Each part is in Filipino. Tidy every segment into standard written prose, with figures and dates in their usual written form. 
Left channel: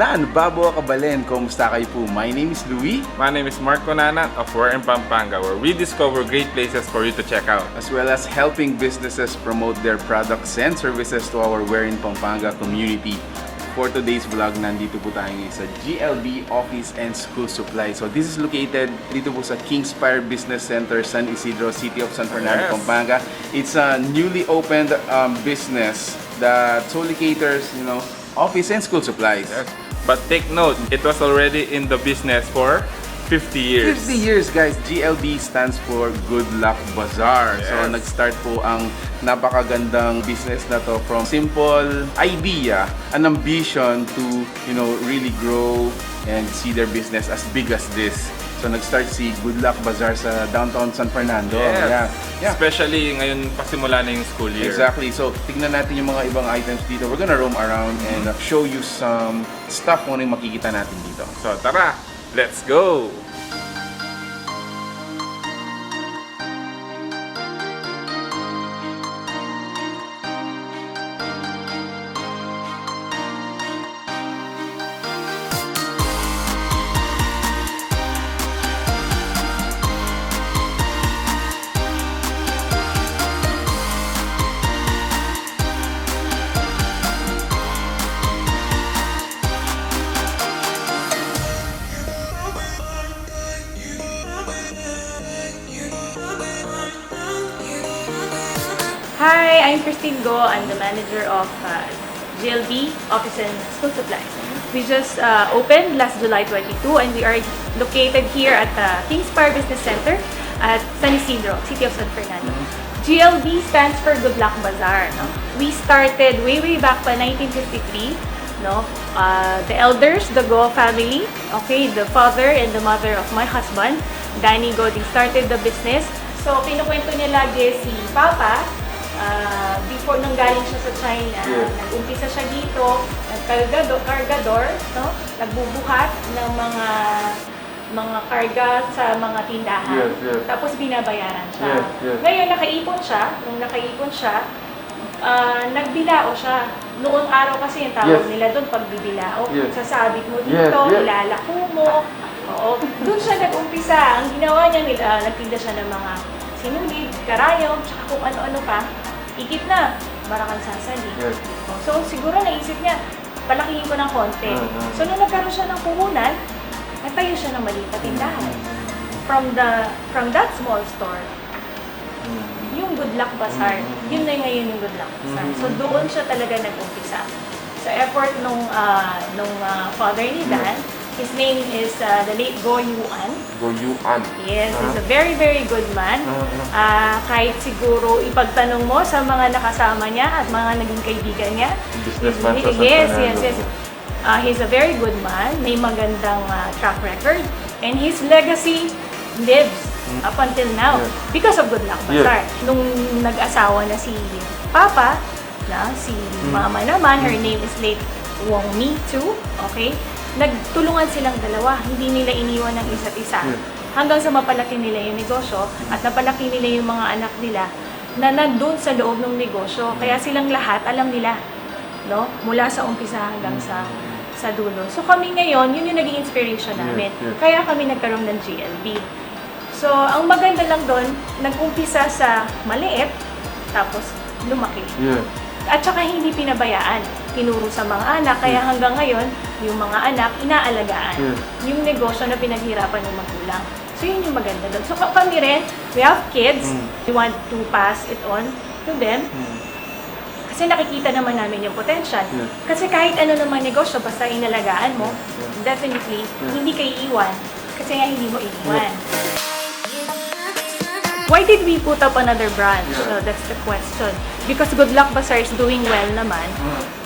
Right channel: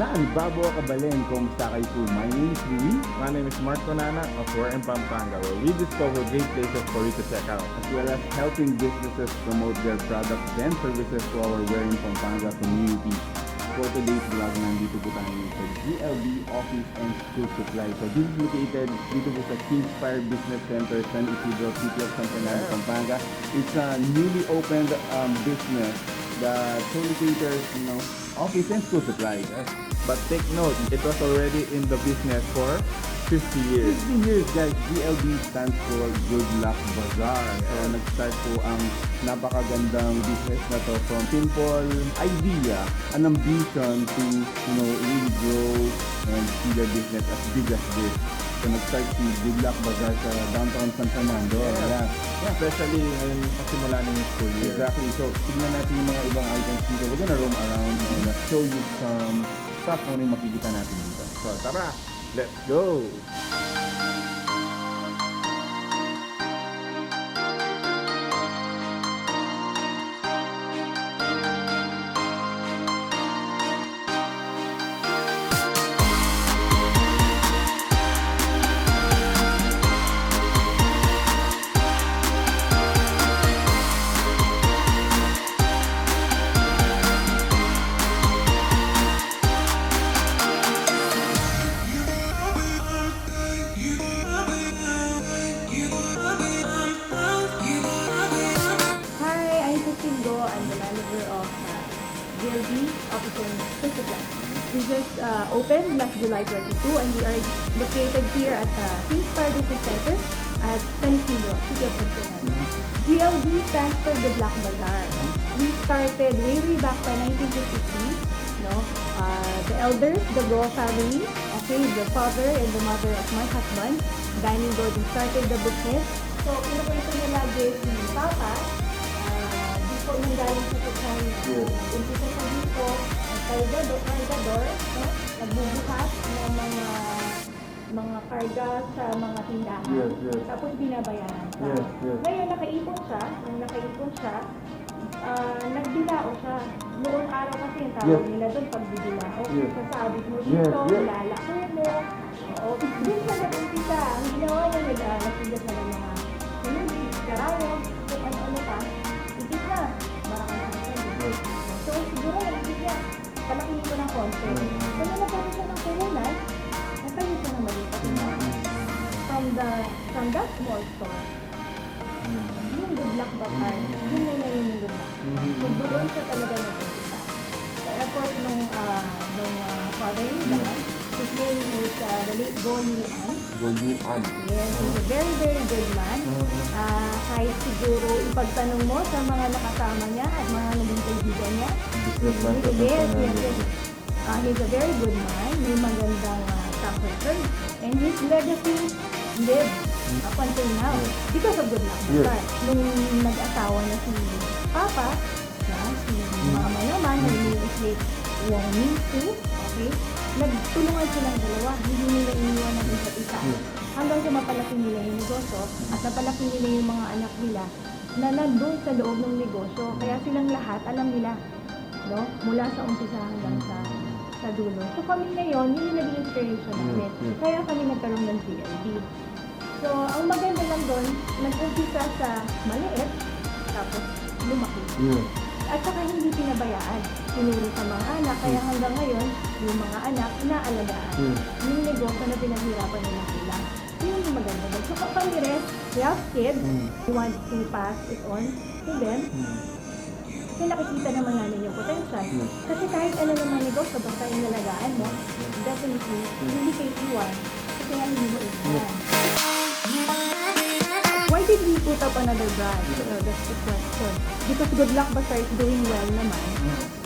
Nan, Babo Kabalen, kumusta kayo po? My name is Louie. My name is Mark Conana of We're in Pampanga, where we discover great places for you to check out. As well as helping businesses promote their products and services to our We're in Pampanga community. For today's vlog, nandito po tayo ngayon sa GLB Office and School Supply. So this is located dito po sa Kingspire Business Center, San Isidro, City of San Fernando, Yes. Pampanga. It's a newly opened business that solely caters, office and school supplies. Yes. But take note, it was already in the business for 50 years. 50 years, guys. GLB stands for Good Luck Bazaar. So, Yes. nag-start po ang napakagandang business na to from simple idea, an ambition to, really grow and see their business as big as this. So, nag-start si Good Luck Bazaar sa downtown San Fernando. Yes. Yeah. Especially ngayon pasimula na yung school year. Exactly. So, tignan natin yung mga ibang items dito. We're gonna roam around and show you some stuff kung ano yung makikita natin dito. So tara, let's go! Hi, I'm Christine Go. I'm the manager of GLB Office and School Supply. We just opened last July 22 and we are located here at the Kingspire Business Center at San Isidro, City of San Fernando. GLB stands for Good Luck Bazaar. No? We started way back pa 1953. No? The elders, the Go family, okay, the father and the mother of my husband, Danny Go, they started the business. So, kinukwento niya lagi si Papa, before nung galing siya sa China, nag-umpisa siya dito, cargador, no? Nagbubuhat ng mga karga sa mga tindahan. Yes. Tapos binabayaran siya. Yes. Ngayon, nung nakaipon siya, nagbilao siya. Noong araw kasi yung tawag nila doon, pagbibilao. Yes. Sasabit mo dito, Yes. ilalako mo. Oo. Doon siya nag-umpisa. Ang ginawa niya, nagtinda siya ng mga sinulid, karayom, tsaka kung ano-ano pa. Ikit na, marakang sasalit. Yes. So, siguro naisip niya, palakihin ko ng konti. So, nung nagkaroon siya ng puhunan, nagtayo siya ng maliit na tindahan. From that small store, yung Good Luck Bazaar, yun na ngayon yung Good Luck Bazaar. So, doon siya talaga nag-umpisa. Sa effort nung father ni Dan, his name is the late Go Yuan. Go Yuan. Yes, he's a very good man. Kahit siguro ipagtanong mo sa mga nakasama niya at mga naging kaibigan niya. Businessman sa San Yes. Fernando. He's a very good man. May magandang track record. And his legacy lives up until now because of Good Luck Bazaar. Nung nag-asawa na si Papa, si Mama naman, her name is late Wong Mi too. Okay? Nagtulungan silang dalawa, hindi nila iniwan ng isa't isa. Hanggang sa mapalaki nila yung negosyo at napalaki nila yung mga anak nila na nandun sa loob ng negosyo. Kaya silang lahat, alam nila, no? Mula sa umpisa hanggang sa dulo. So kami ngayon, yun yung naging inspiration namin. Kaya kami nagkaroon ng GLB. So, ang maganda lang doon, nag-umpisa sa maliit, tapos lumaki. At saka hindi pinabayaan, tinuro sa mga anak, kaya hanggang ngayon, yung mga anak, inaalagaan. Yung negosyo na pinaghirapan ng magulang. So yun yung maganda doon. So kami rin, we have kids, we want to pass it on to them. Kasi nakikita naman namin yung potential. Kasi kahit ano namang negosyo, basta inalagaan mo, definitely, hindi ka iiwan. Kasi nga hindi mo iiwan. Why did we put up another branch? That's the question. Because Good Luck Bazaar is doing well naman.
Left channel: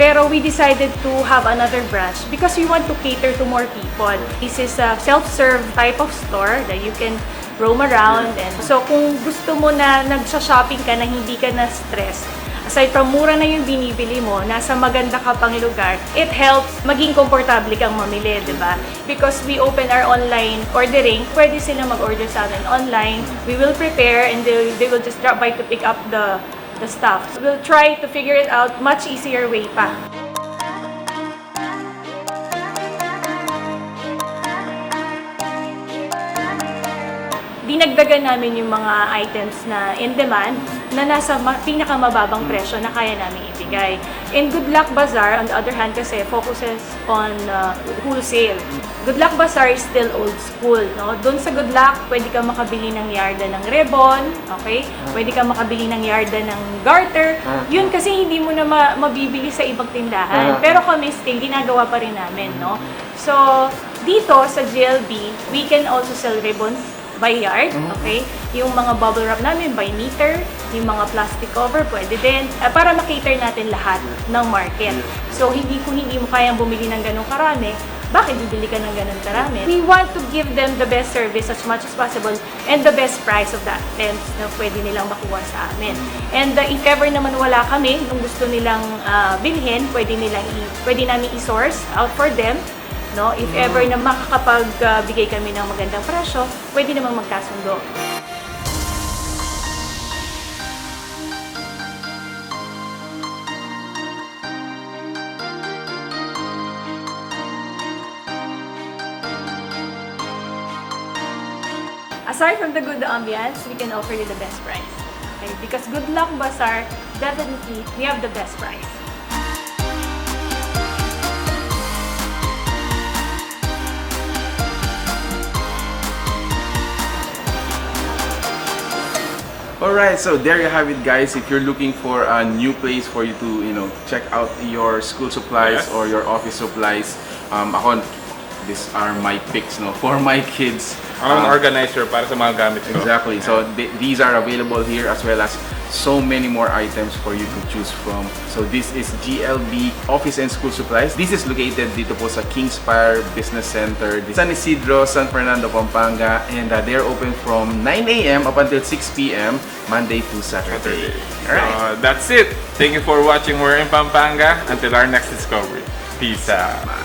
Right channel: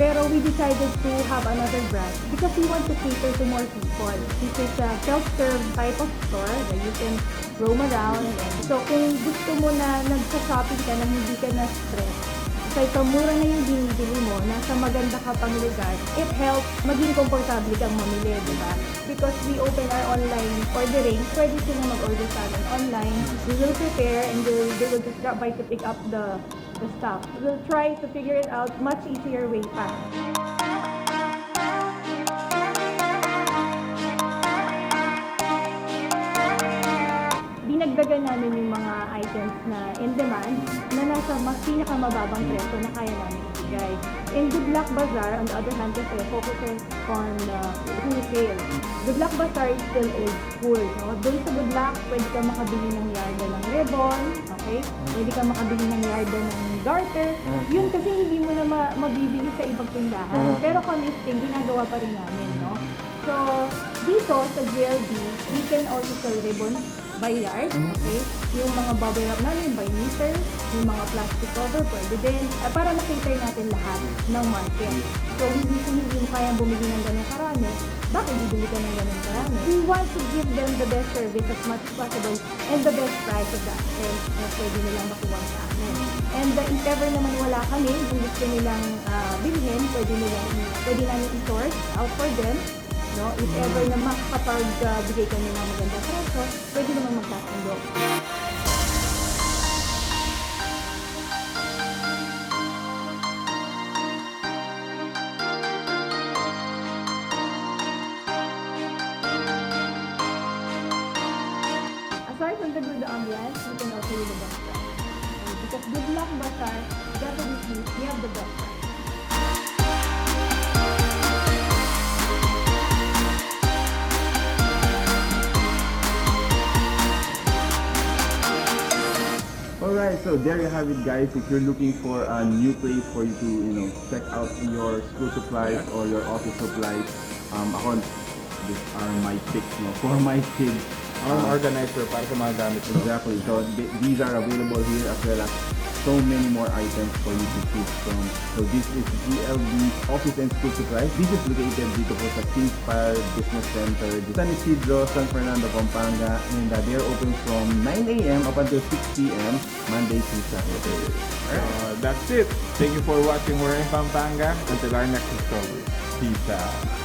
Pero we decided to have another branch because we want to cater to more people. This is a self-serve type of store that you can roam around. And so kung gusto mo na nagsa-shopping ka na hindi ka na stress, aside from mura na yung binibili mo, nasa maganda ka pang lugar, it helps maging komportable kang mamili, di ba? Because we open our online ordering, pwede sila mag-order sa atin online. We will prepare and they will just drop by to pick up the stuff. We'll try to figure it out much easier way pa. dinagdagan namin yung mga items na in demand na nasa pinakamababang presyo na kaya namin ibigay. In Good Luck Bazaar, on the other hand kasi, focuses on wholesale. Good Luck Bazaar is still old school. No? Doon sa Good Luck, pwede ka makabili ng yarda ng ribbon, okay? Pwede ka makabili ng yarda ng garter. Yun kasi hindi mo na mabibili sa ibang tindahan. Pero kami still, ginagawa pa rin namin. No? So, dito sa GLB, we can also sell ribbons by yard, okay? Yung mga bubble wrap namin by meter, yung mga plastic cover, pwede din. Para makater natin lahat ng market. So, kung hindi mo kayang bumili ng ganong karami, bakit bibili ka ng ganun karami? We want to give them the best service as much as possible and the best price of the items na pwede nilang makuha sa amin. And if ever naman wala kami, kung gusto nilang bilhin, pwede namin i-source out for them. No? If ever na makakapagbigay kami ng magandang presyo, pwede namang magkasundo. Aside from the good ambience, we can offer you the best price. Okay? Because Good Luck Bazaar, definitely, we have the best price. Alright, so there you have it, guys. If you're looking for a new place for you to, check out your school supplies or your office supplies, these are my picks, for my kids. Ang organizer para sa mga gamit ko. Exactly. So these are available here as well as so many more items for you to choose from. So this is GLB Office and School Supplies. This is located dito po sa Kingspire Business Center, San Isidro, San Fernando, Pampanga, and they are open from 9 a.m. up until 6 p.m. Monday to Saturday. Alright. That's it. Thank you for watching We're in Pampanga. Until our next discovery. Peace out.